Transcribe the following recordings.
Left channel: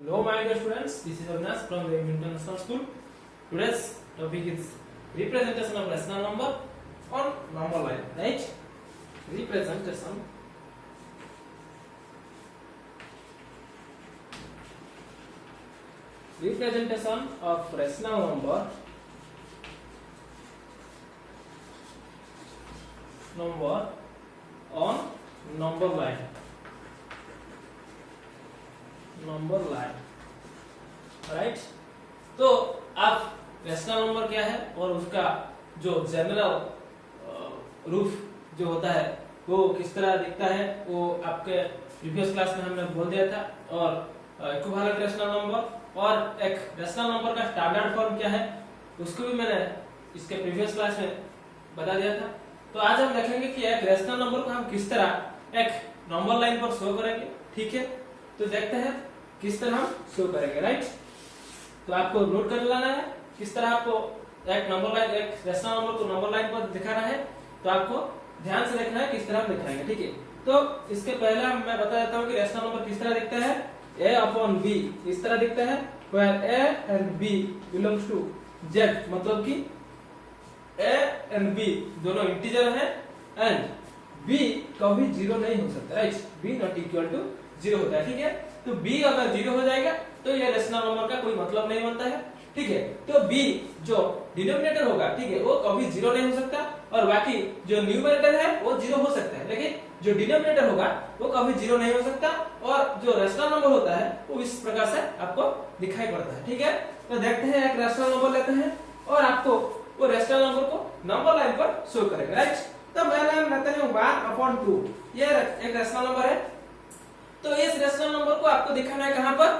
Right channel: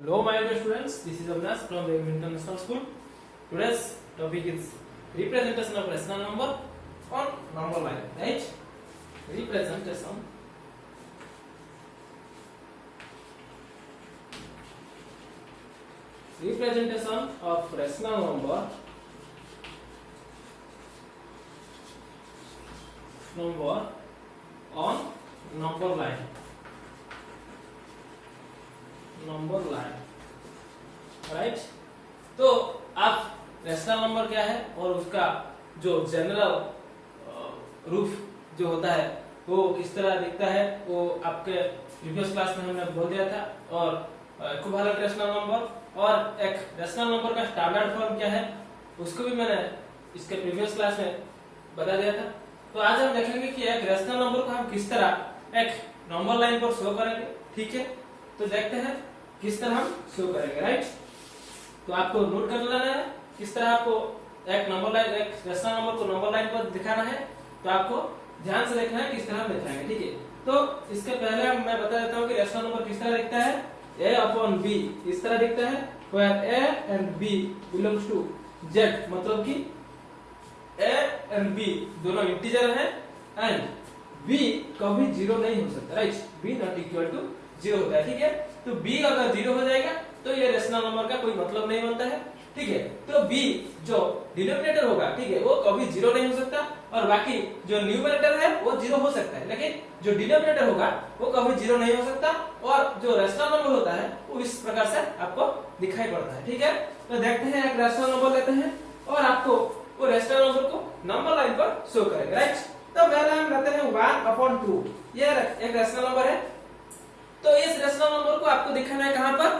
Hello my dear students, this is Avinash from the International School. Today's topic is representation of rational number on number line, right? Representation of rational number on number line. Right तो आप rational number क्या है और उसका जो general roof जो होता है वो किस तरह दिखता है वो आपके प्रीवियस क्लास में हमने बोल दिया था। और इक्विवेलेंट रैशनल नंबर और एक रैशनल नंबर का स्टैंडर्ड फॉर्म क्या है उसको भी मैंने इसके प्रीवियस क्लास में बता दिया था। तो आज हम देखेंगे कि एक रैशनल नंबर को हम किस तरह एक नंबर लाइन पर शो करेंगे। ठीक है, तो देखते हैं किस तरह हम शो करेंगे। राइट, तो आपको नोट कर लेना है किस तरह आपको एक नंबर लाइन एक रैशनल नंबर को नंबर लाइन पर दिखाना है। तो आपको ध्यान से देखना है किस तरह हम दिखाएंगे। ठीक है, तो इसके पहले मैं बता देता हूँ कि रैशनल नंबर किस तरह दिखता है। a अपॉन b इस तरह दिखता है, where a and b belongs to z, मतलब कि a and b दोनों इंटीजर हैं एंड b कभी जीरो नहीं हो सकता। Right, b not equal to zero होता है। ठीक है, तो b अगर जीरो हो जाएगा तो ये रैशनल नंबर का कोई मतलब नहीं बनता है। ठीक है, तो b जो डिनोमिनेटर होगा, ठीक है, वो कभी जीरो नहीं हो सकता और बाकी जो न्यूमरेटर है वो जीरो हो सकता है, लेकिन जो डिनोमिनेटर होगा वो कभी जीरो नहीं हो सकता। और जो रैशनल नंबर होता है वो इस प्रकार से आपको दिखाई पड़ता है। ठीक है, तो देखते हैं एक रैशनल नंबर लेते हैं और आपको वो रैशनल नंबर को नंबर लाइन पर शो करेंगे। राइट, तो पहले हम लेते हैं 1/2, ये एक रैशनल नंबर है। तो इस रैशनल नंबर को आपको दिखाना है कहां पर,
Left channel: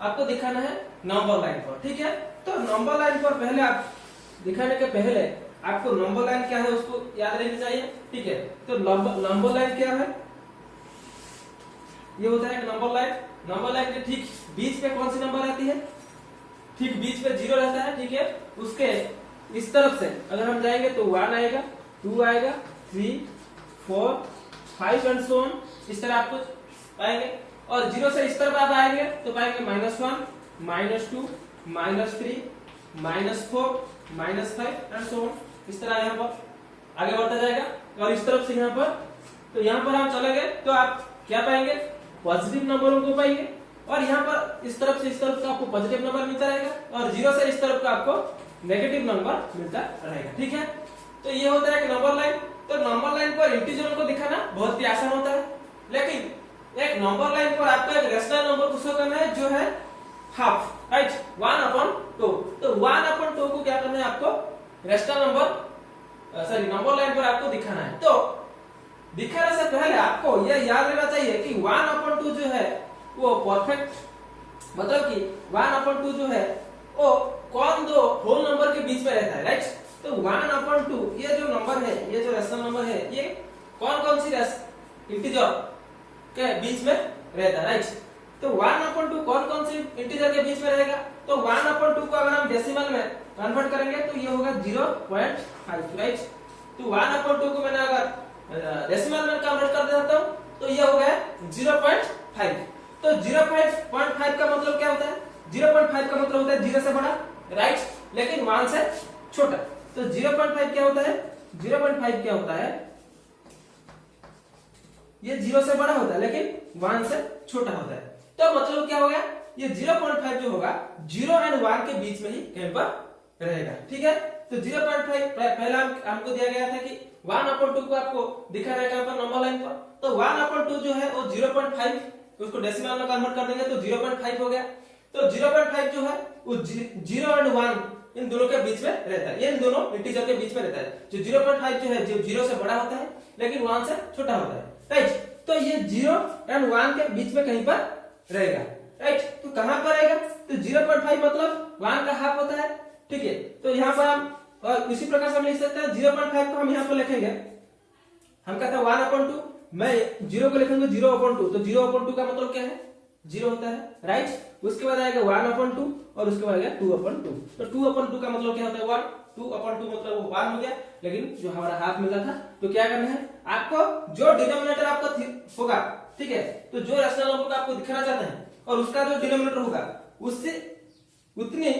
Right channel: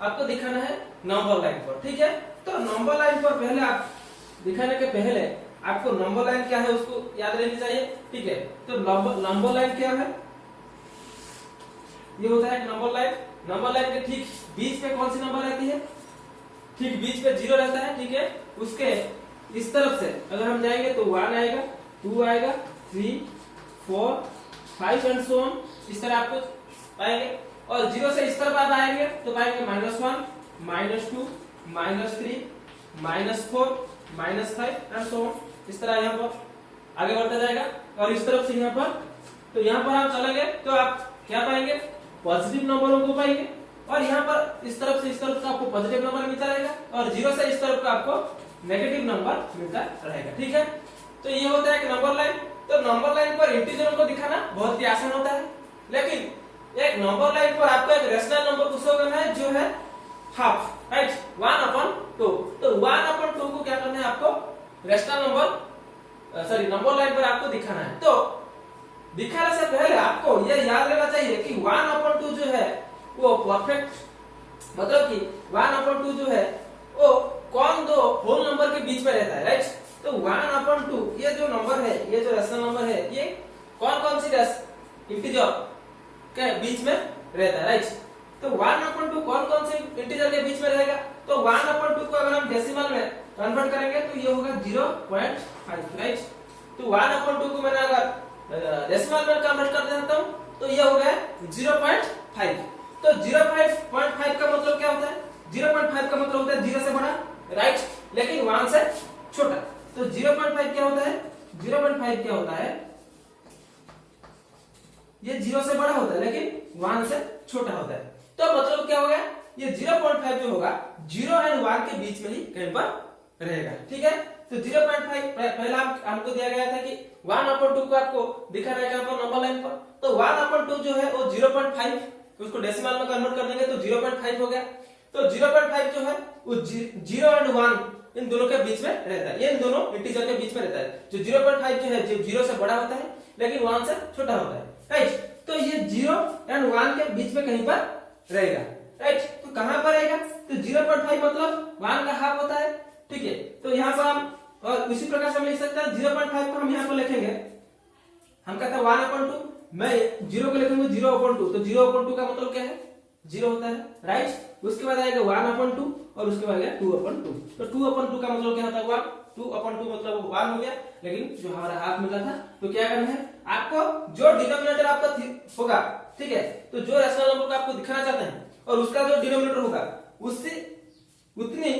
आपको दिखाना है नंबर लाइन पर। ठीक है, तो नंबर लाइन पर पहले आप दिखाने के पहले आपको नंबर लाइन क्या है उसको याद रहनी चाहिए। ठीक है, तो नंबर लाइन क्या है, ये होता है एक नंबर लाइन। नंबर लाइन के ठीक बीच में कौन सी नंबर रहती है, ठीक बीच में जीरो रहता है। ठीक है, उसके इस तरफ से अगर हम जाएंगे तो 1 आएगा, 2 आएगा, 3, 4, 5 एंड सो ऑन, इस तरह आपको पाएंगे। और जीरो से इस तरफ आप आएंगे तो पाएंगे -1, -2, -3, -4, -5 एंड सो ऑन, इस तरह यहाँ पर आगे बढ़ता जाएगा। और इस तरफ से यहाँ पर, तो यहाँ पर हम चलेंगे तो आप क्या पाएंगे, पॉजिटिव नंबरों को पाएंगे। और यहाँ पर इस तरफ से इस तरफ का आपको पॉजिटिव नंबर मिलता रहेगा और जीरो से इस तरफ का आपको नेगेटिव नंबर मिलता रहेगा। ठीक है, तो ये होता है एक नंबर लाइन। तो नंबर लाइन पर इंटीजरों को दिखाना बहुत ही आसान होता है, लेकिन एक नंबर लाइन पर आपको एक रैशनल नंबर को शो करना है जो है हाफ। राइट, 1/2। तो 1/2 को क्या करना है आपको रैशनल नंबर नंबर लाइन पर आपको दिखाना है। तो दिखाने से पहले आपको यह याद रहना चाहिए कि 1/2 जो है वो परफेक्ट, मतलब कि 1/2 जो है वो कौन दो होल नंबर के बीच में रहता है। राइट, तो 1/2 ये जो नंबर है, ये जो रैशनल नंबर है, ये कौन कौन सी इंटीजर के बीच में रहता है। राइट, तो 1/2 कौन कौन से इंटीजर के बीच में रहेगा। तो 1/2 को अगर हम डेसिमल में कन्वर्ट करेंगे तो ये होगा 0.5। राइट, तो 1/2 को मैंने अगर डेसिमल में कन्वर्ट कर देता हूं तो ये हो गया 0.5। तो 0.5 का मतलब क्या होता है, 0.5 का मतलब होता है 0 से बड़ा, राइट, लेकिन 1 से छोटा। तो 0.5 क्या होता है, 0.5 क्या होता है, ये 0 से बड़ा होता है लेकिन 1 से छोटा होता है। तो मतलब क्या हो गया, ये 0.5 जो होगा 0 एंड 1 के बीच में ही कहीं पर रहेगा। ठीक है, तो 0.5 पहला हमको दिया गया था कि 1/2 को आपको दिखा रहेगा यहाँ पर नंबर लाइन पर। तो 1/2 जो है वो 0.5, उसको डेसिमल में कन्वर्ट कर देंगे तो 0.5 हो गया। तो 0.5 जो है वो 0 एंड 1 इन दोनों के बीच में रहता है, ये इन दोनों इंटीजर के बीच में रहता है। जो 0.5 जो है जो 0 से बड़ा होता है लेकिन 1 से छोटा होता है। राइट, तो ये 0 एंड 1 के बीच में कहीं पर रहेगा। राइट, तो कहां पर रहेगा, तो 0.5 मतलब 1 का हाफ होता है। ठीक है, तो यहाँ पर हम और इसी प्रकार से हम लिख सकते हैं 0.5 को हम यहाँ पर लिखेंगे, हम कहते हैं 1/2, मैं 0 को लिखेंगे 0/2, तो 0/2 का मतलब क्या है, 0 होता है। राइट, उसके बाद आएगा 1/2 और उसके बाद आएगा 2/2। तो 2/2 का मतलब क्या होता है 1, 2/2 मतलब 1 हो गया, लेकिन जो हमारा हाफ मिला था। तो क्या करना है आपको, जो डिनोमिनेटर आपका होगा, ठीक है, तो जो रैशनल नंबर को आपको दिखाना चाहते हैं और उसका जो डिनोमिनेटर होगा उससे उतनी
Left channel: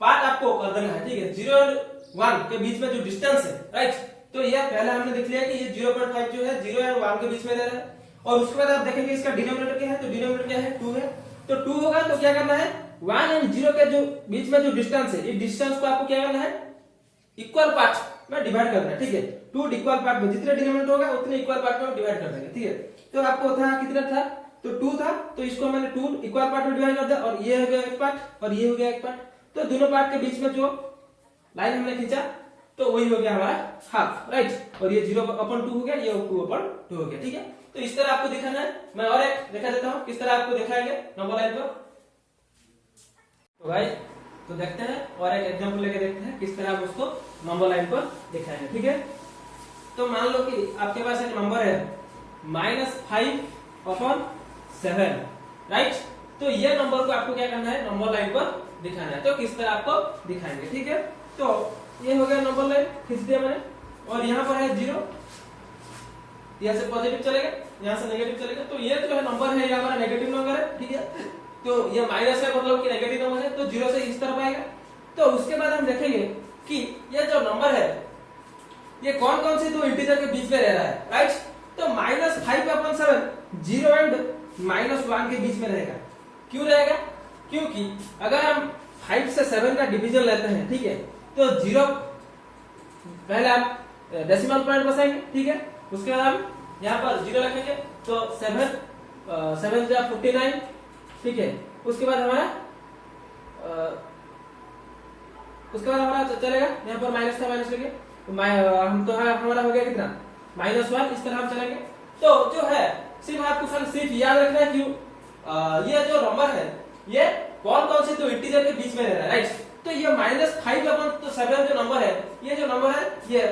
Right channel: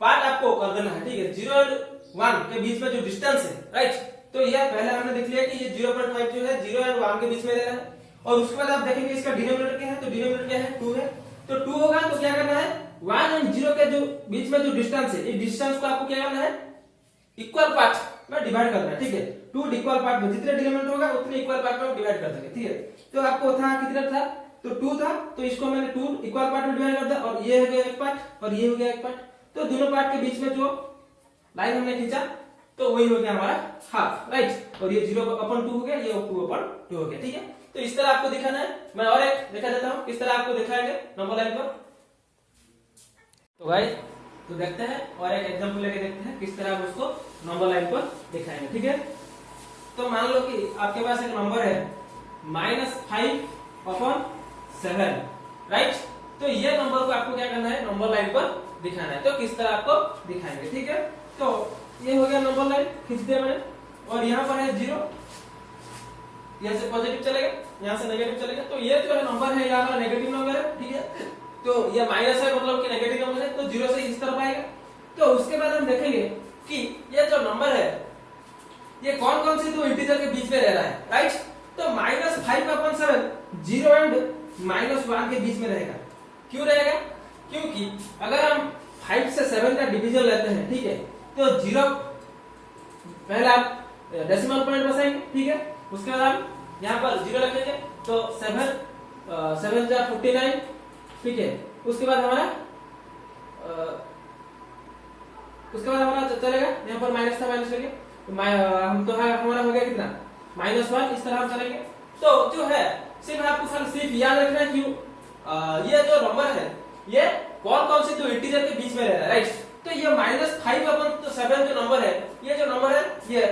पार्ट आपको कर देना है, ठीक है। 0 और 1 के बीच में जो डिस्टेंस है, राइट, तो यह पहले हमने देख लिया कि ये 0.5 जो है 0 और 1 के बीच में रह रहा है। और उसके बाद आप देखेंगे इसका डिनोमिनेटर क्या है, तो डिनोमिनेटर क्या है 2 है। तो 2 होगा तो क्या करना है 1 और 0 के जो बीच में जो डिस्टेंस है, इस डिस्टेंस को आपको क्या करना है इक्वल पार्ट में डिवाइड करना है, ठीक है। 2 इक्वल पार्ट में जितने डिनोमिनेटर होगा उतने इक्वल पार्ट में डिवाइड कर देंगे, ठीक है। तो आपको था कितना था, तो 2 था, तो इसको मैंने 2 इक्वल पार्ट में डिवाइड कर दिया और ये हो गया एक पार्ट और ये हो गया एक पार्ट। तो दोनों पार्ट के बीच में जो लाइन हमने खींचा तो वही हो गया हमारा हाफ, राइट। और ये 0/2 हो गया, ये 2/2 हो गया, ठीक है। तो इस तरह आपको दिखाना है। मैं और एक दिखा देता हूं किस तरह आपको दिखाएंगे नंबर लाइन पर। तो भाई तो देखते हैं और एक एग्जांपल लेके देखते हैं किस तरह हम उसको नंबर लाइन पर दिखाएंगे, ठीक है। तो मान लो कि आपके पास एक नंबर है -5/7, राइट। तो ये नंबर को आपको क्या करना है नंबर लाइन पर दिखाना है। तो किस तरह आपको दिखाएंगे, ठीक है। तो ये हो गया नंबर लाइन, खींच दिया मैंने, और यहाँ पर है 0, यहाँ से पॉजिटिव चलेगा, यहाँ से नेगेटिव चलेगा। तो ये जो है नंबर है ये हमारा नेगेटिव नंबर है, ठीक है। तो ये माइनस है मतलब कि नेगेटिव नंबर है, तो 0 से इस तरफ आएगा। तो उसके बाद हम देखेंगे कि ये जो नंबर है ये कौन कौन सी दो इंटीजर के बीच में रह रहा है, राइट। तो -5/7 0 एंड -1 के बीच में रहेगा। क्यों रहेगा, क्योंकि अगर हम 5 से 7 का डिवीजन लेते हैं, ठीक है, तो 0 पहले आप डेसिमल पॉइंट बसाएंगे, ठीक है। उसके बाद हम यहाँ पर 0 लिखेंगे, तो 7 जा 49, ठीक है। उसके बाद हमारा चलेगा यहाँ पर माइनस था, माइनस लेंगे तो हम तो हमारा हो गया कितना -1, इस तरह हम चलेंगे। तो जो है सिर्फ आपको सिर्फ याद रखना है कि ये जो नंबर है ये कौन कौन से दो इंटीजर के बीच में रह रहा है, राइट। तो ये -5/7 जो नंबर है, ये जो नंबर है ये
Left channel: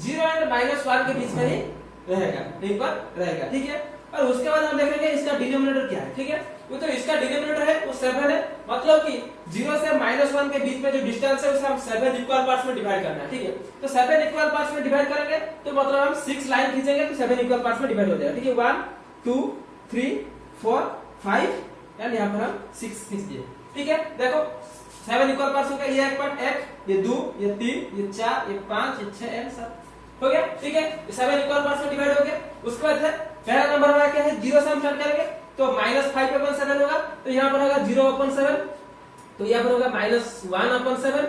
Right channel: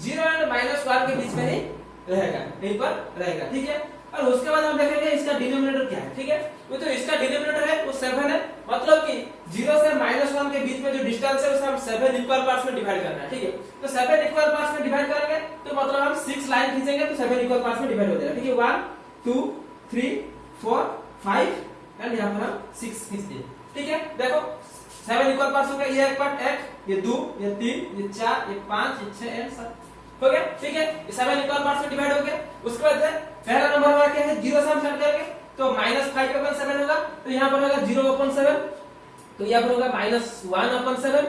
0 एंड -1 के बीच में ही रहेगा, यहीं पर रहेगा, ठीक है। और उसके बाद हम देखेंगे इसका डिनोमिनेटर क्या है, ठीक है। वो तो इसका डिनोमिनेटर है वो 7 है, मतलब कि 0 से -1 के बीच में जो डिस्टेंस है उसे हम 7 इक्वल पार्ट्स में डिवाइड करना है, ठीक है। तो 7 इक्वल पार्ट्स में डिवाइड करेंगे तो मतलब हम 6 लाइन खींचेंगे तो 7 इक्वल पार्ट्स में डिवाइड हो जाएगा, ठीक है। 1 2 3 4 5 एंड यहाँ पर हम 6 खींच दिए, ठीक है। देखो 7 इक्वल पार्ट्स हो गया, ये एक पार्ट 1, ये 2, ये 3, ये 4, ये 5, ये 6 एंड 7 हो गया, ठीक है। ये 7 इक्वल पार्ट्स में डिवाइड हो गया। उसके बाद पहला नंबर हमारा क्या है 0 से हम स्टार्ट करेंगे, तो -5/7 होगा, तो यहाँ पर होगा 0/7, तो यहाँ पर होगा -1/7,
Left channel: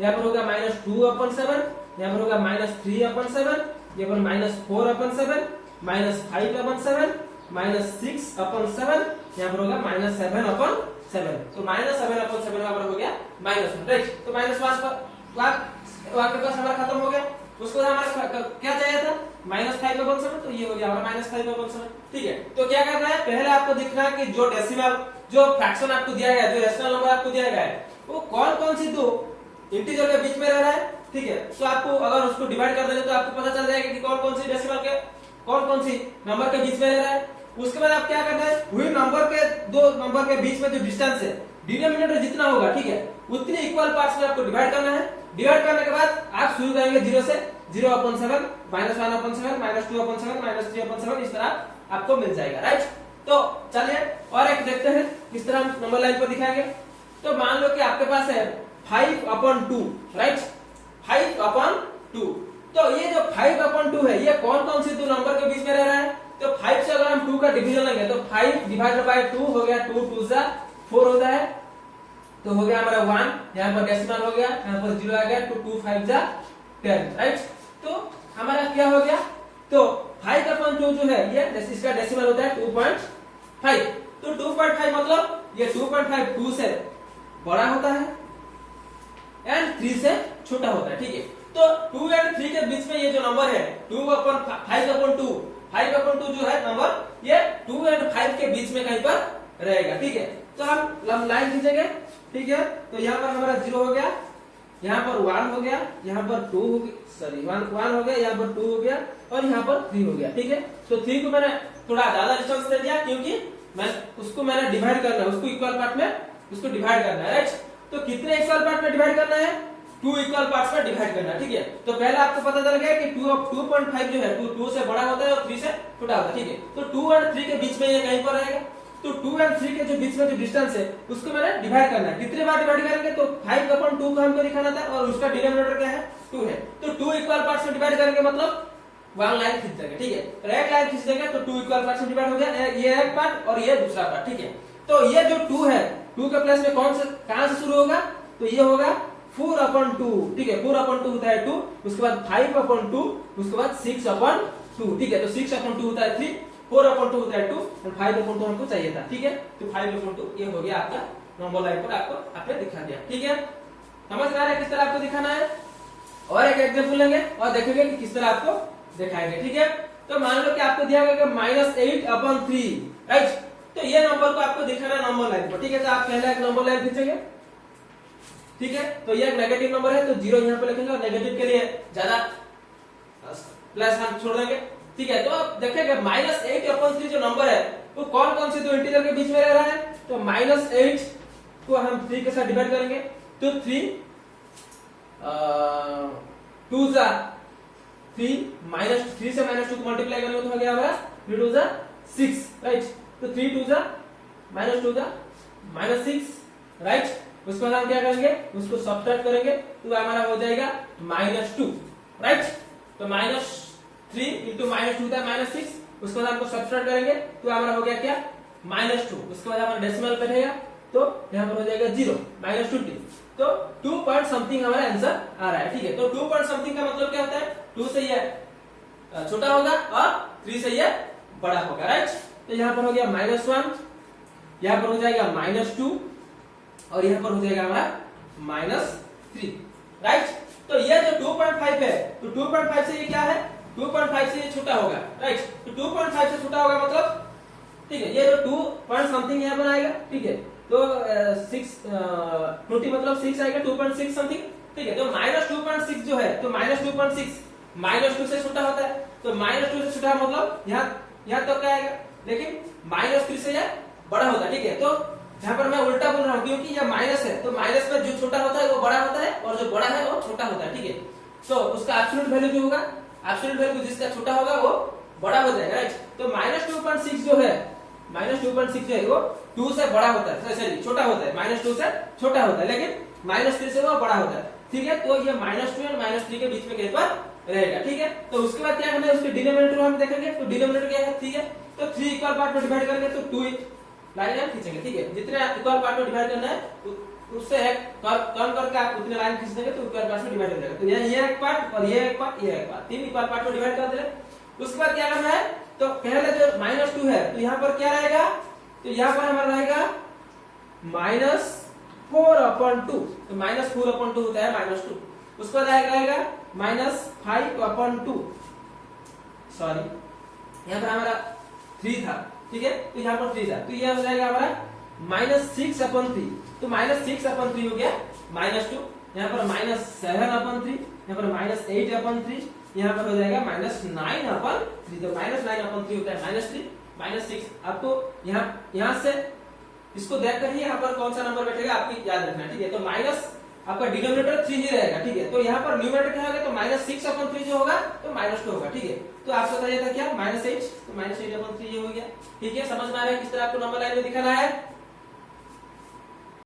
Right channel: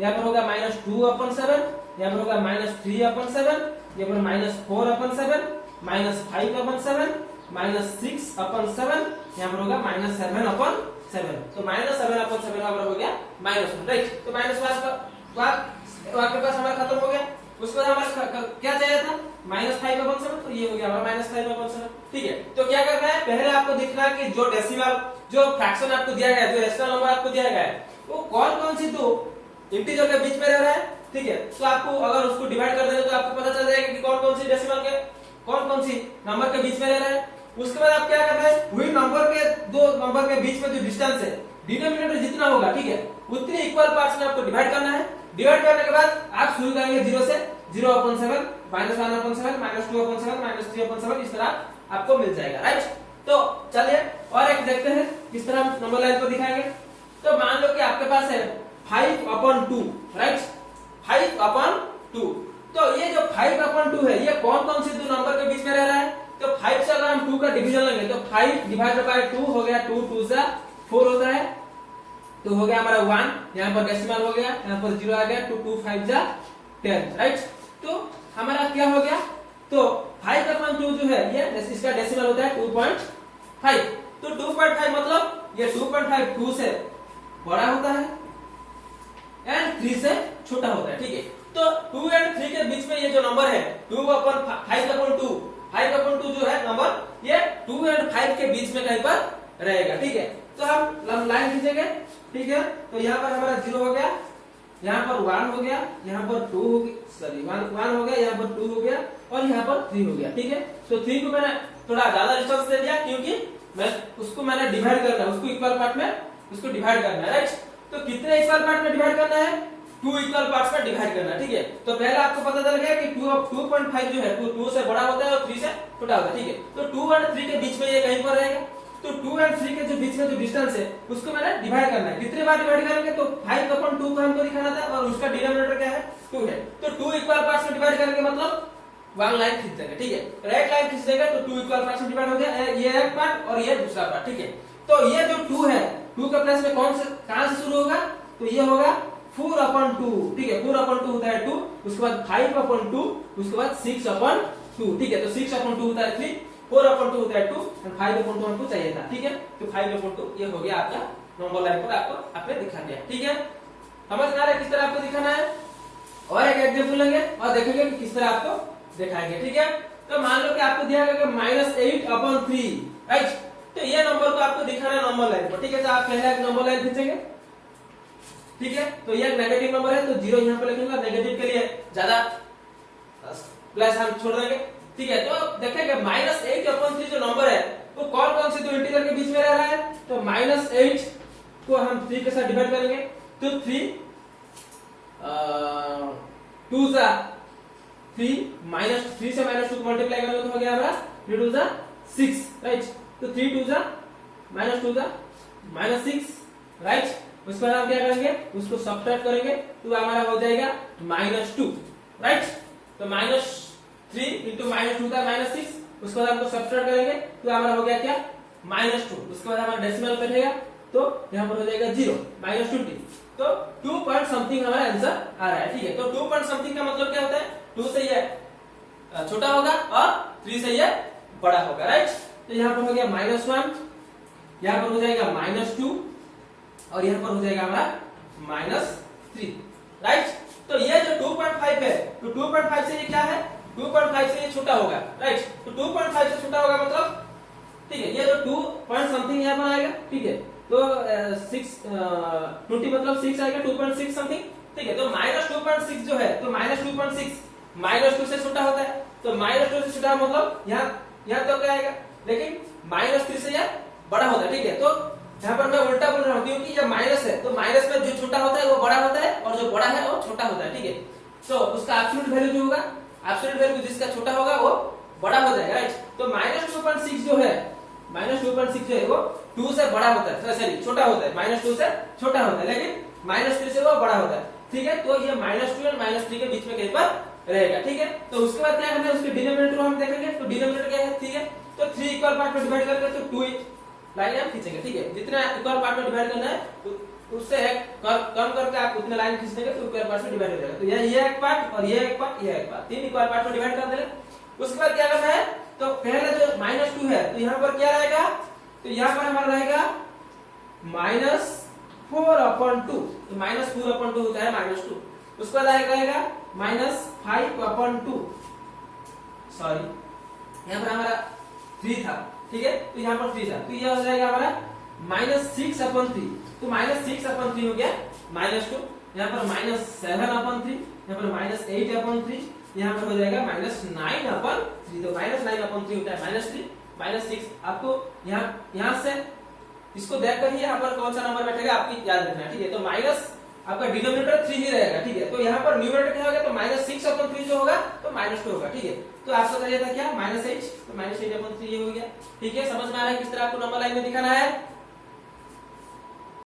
यहाँ पर होगा -2/7, यहाँ पर होगा -3/7, यहाँ पर -4/7, -5/7, -6/7, यहाँ पर होगा -7/7। तो -7/7 यहाँ पर हो गया -1, राइट। तो -1 आपके पास हमारा खत्म हो गया। उसके बाद हमारा क्या चाहिए था -5/7, तो ये हो गया हमारा -5/7, ठीक है। तो क्या करना है पहले आपको दिखना है कि जो डेसिमल जो फ्रैक्शन आपको दिया गया है, जो रेशनल नंबर आपको दिया गया है वो कौन कौन सी दो इंटीजर के बीच में रह रहा है, ठीक है। तो आपको अगर उसको डिवाइड कर देंगे तो आपको पता चल जाएगा कि कौन कौन सी डेसिमल के कौन कौन सी नंबर के बीच में रह रहा है। उसके बाद आप क्या करना है वही दो नंबर के बीच में जो डिस्टेंस है डिनोमिनेटर जितना होगा, ठीक है, उतने इक्वल पार्ट्स में आपको डिवाइड करना है। डिवाइड करने के बाद आप शुरू करेंगे 0 से, 0/7, -1/7, -2/7, -3/7, इस तरह आपको मिल जाएगा, राइट। तो चलिए और एक देखते हैं किस तरह हम नंबर लाइन को दिखाएंगे। तो मान लो कि आपके पास है 5/2, राइट, 5/2। तो ये जो 5/2 है ये कौन कौन से दो नंबर के बीच में रह रहा है, तो 5 से अगर हम 2 का डिवीजन लेंगे तो 5 डिवाइडेड बाय 2 हो गया, 2 2 जा 4 होता है, तो हो गया हमारा 1, यहाँ पर डेसिमल हो गया, यहाँ पर 0 आ गया, तो 2 5 जा 10, राइट। तो हमारा क्या हो गया, तो 5/2 जो है ये इसका डेसिमल होता है 2.5। तो 2.5 मतलब ये 2.5 2 से बड़ा होता है एंड 3 से छोटा होता है, ठीक है। तो 2 एंड 3 के बीच में ये जो नंबर है 5/2 जो है नंबर ये 2 एंड 5 के बीच में कहीं पर रहेगा, ठीक है। तो हम लाइन खींचेंगे, ठीक है। तो यहाँ पर हमारा 0 हो गया, यहाँ पर 1 हो गया, यहाँ पर 2 हो गया, सॉरी 1 हो गया, यहाँ पर 2 हो गया और यहाँ पर 3 हो गया, ठीक है। तो 3 को मैंने थोड़ा ज्यादा डिस्टेंस दे दिया क्योंकि मैंने डिवाइड करना है, उसको इक्वल पार्ट में उसको डिवाइड करना है, राइट। तो कितने इक्वल पार्ट में डिवाइड करना है 2 इक्वल पार्ट्स में डिवाइड करना है, ठीक है। तो पहले आपको पता चल गया कि 2.5 जो है 2 से बड़ा होता है और 3 से छोटा होता है, ठीक है। तो 2 और 3 के बीच में ये कहीं पर रहेगा। तो 2 और 3 के जो बीच में जो डिस्टेंस है उसको मैंने डिवाइड करना है। कितने बार डिवाइड करेंगे तो 5/2 का हमको दिखाना था और उसका डिनोमिनेटर क्या है 2 है। तो 2 इक्वल पार्ट्स में डिवाइड करेंगे मतलब वन लाइन खींच देंगे, ठीक है। तो एक लाइन खींच देंगे तो 2 इक्वल पार्ट्स में डिवाइड हो गया, ये एक पार्ट और ये दूसरा पार्ट, ठीक है। तो ये जो 2 है 2 के प्लेस में कहां से शुरू होगा तो ये होगा 4/2, ठीक है। 4/2 होता है 2, उसके बाद 5/2, उसके बाद 6/2, ठीक है। तो 6/2 होता है 3, 4/2 होता है 2 और 5/2 हमको चाहिए था, ठीक है। तो 5/2 ये हो गया आपका नंबर लाइन पर आपको आपने दिखा दिया, ठीक है। समझ में आ रहा है किस तरह आपको दिखाना है। और एक एग्जांपल लेंगे और देखेंगे कि किस तरह आपको दिखाएंगे, ठीक है। तो मान लो कि आपको दिया गया कि -8/3, राइट। तो ये नंबर को आपको दिखाना है नंबर लाइन पर, ठीक है। तो आप पहले एक नंबर लाइन खींचेंगे, ठीक है। तो ये एक नेगेटिव नंबर है तो 0 यहाँ पे लिखेंगे और नेगेटिव के लिए ज्यादा प्लस हम छोड़ देंगे, ठीक है। तो देखेंगे -8/3 जो नंबर है वो कौन कौन से दो इंटीजर के बीच में रह रहा है। तो -8 को हम 3 के साथ डिवाइड करेंगे तो 3 2 जा 3 -3 से -2 को मल्टीप्लाई करेंगे तो हो गया हमारा 3 2 जा 6, राइट। तो 3 2 जा -2 जा -6, राइट। उसके बाद हम क्या करेंगे उसको सब्ट्रैक्ट करेंगे तो हमारा हो जाएगा -2, राइट। तो -3 इंटू -2 होता है -6, उसके बाद हमको सब्ट्रैक्ट करेंगे तो हमारा हो गया क्या -2, उसके बाद हमारा डेसिमल कटेगा तो यहाँ पर हो जाएगा 0 -20। तो 2 पॉइंट समथिंग हमारा आंसर आ रहा है, ठीक है। तो 2 पॉइंट समथिंग का मतलब क्या होता है 2 से ये छोटा होगा और 3 से ये बड़ा होगा, राइट। तो यहाँ पर हो गया -1, यहाँ पर हो जाएगा -2 और यहाँ पर हो जाएगा हमारा -3, राइट। तो ये जो 2.5 है तो 2.5 से ये क्या है 2.5 से ये छोटा होगा, राइट। तो 2.5 से छोटा होगा मतलब, ठीक है। ये जो 2 पॉइंट समथिंग यहाँ पर आएगा, ठीक है। तो 6 20 मतलब 6 आएगा 2.6 समथिंग, ठीक है। तो -2.6 जो है तो -2.6 -2 से छोटा होता है तो -2 से छोटा मतलब यहाँ तो क्या आएगा, लेकिन -3 से यह बड़ा होता है, ठीक है। तो यहाँ पर मैं उल्टा बोल रहा हूँ क्योंकि ये माइनस है तो माइनस में जो छोटा होता है वो बड़ा होता है और जो बड़ा है वो छोटा होता है, ठीक है। तो उसका एब्सोल्यूट वैल्यू जो होगा एब्सोल्यूट वैल्यू जिसका छोटा होगा वो बड़ा हो जाएगा, राइट। तो -2.6 जो है -2.6 जो है वो 2 से बड़ा होता है, सॉरी छोटा होता है, -2 से छोटा होता है लेकिन -3 से वो बड़ा होता है, ठीक है। तो ये -2 और -3 के बीच में कहीं पर रहेगा, ठीक है। तो उसके बाद क्या करना है उसके डिनोमिनेटर हम देखेंगे। तो डिनोमिनेटर क्या है, ठीक है। तो 3 इक्वल पार्ट में डिवाइड करेंगे तो 2 लाइन हम खींचेंगे, ठीक है। जितने इक्वल पार्ट में डिवाइड करना है उससे एक कम करके आप उतने लाइन खींच देंगे तो इक्वल पार्ट में डिवाइड हो जाएगा। तो ये एक पार्ट और ये एक पार्ट ये एक पार्ट 3 इक्वल पार्ट में डिवाइड कर देंगे। उसके बाद क्या करना है तो पहले जो -2 है तो यहाँ पर क्या रहेगा तो यहाँ पर हमारा रहेगा -4/2, तो -4/2 होता है -2। उसके बाद आएगा -5/2, सॉरी यहाँ पर हमारा 3 था, ठीक है। तो यहाँ पर 3 था तो यह हो जाएगा हमारा -6/3, तो -6/3 हो गया -2। यहाँ पर -7/3, यहाँ पर -8/3, यहाँ पर हो जाएगा -9/3। तो -9/3 होता है -3 -6। अब तो यहाँ से इसको देखकर ही यहाँ पर कौन सा नंबर बैठेगा आपकी याद रखना, ठीक है। तो माइनस आपका डिनोमिनेटर 3 ही रहेगा, ठीक है। तो यहाँ पर न्यूमरेटर क्या होगा तो -6/3 जो होगा तो -2 होगा, ठीक है। तो आपसे बताइए था क्या -8, तो -8/3 ये हो गया, ठीक है। समझ में आ रहा है किस तरह आपको नंबर लाइन में दिखाना है।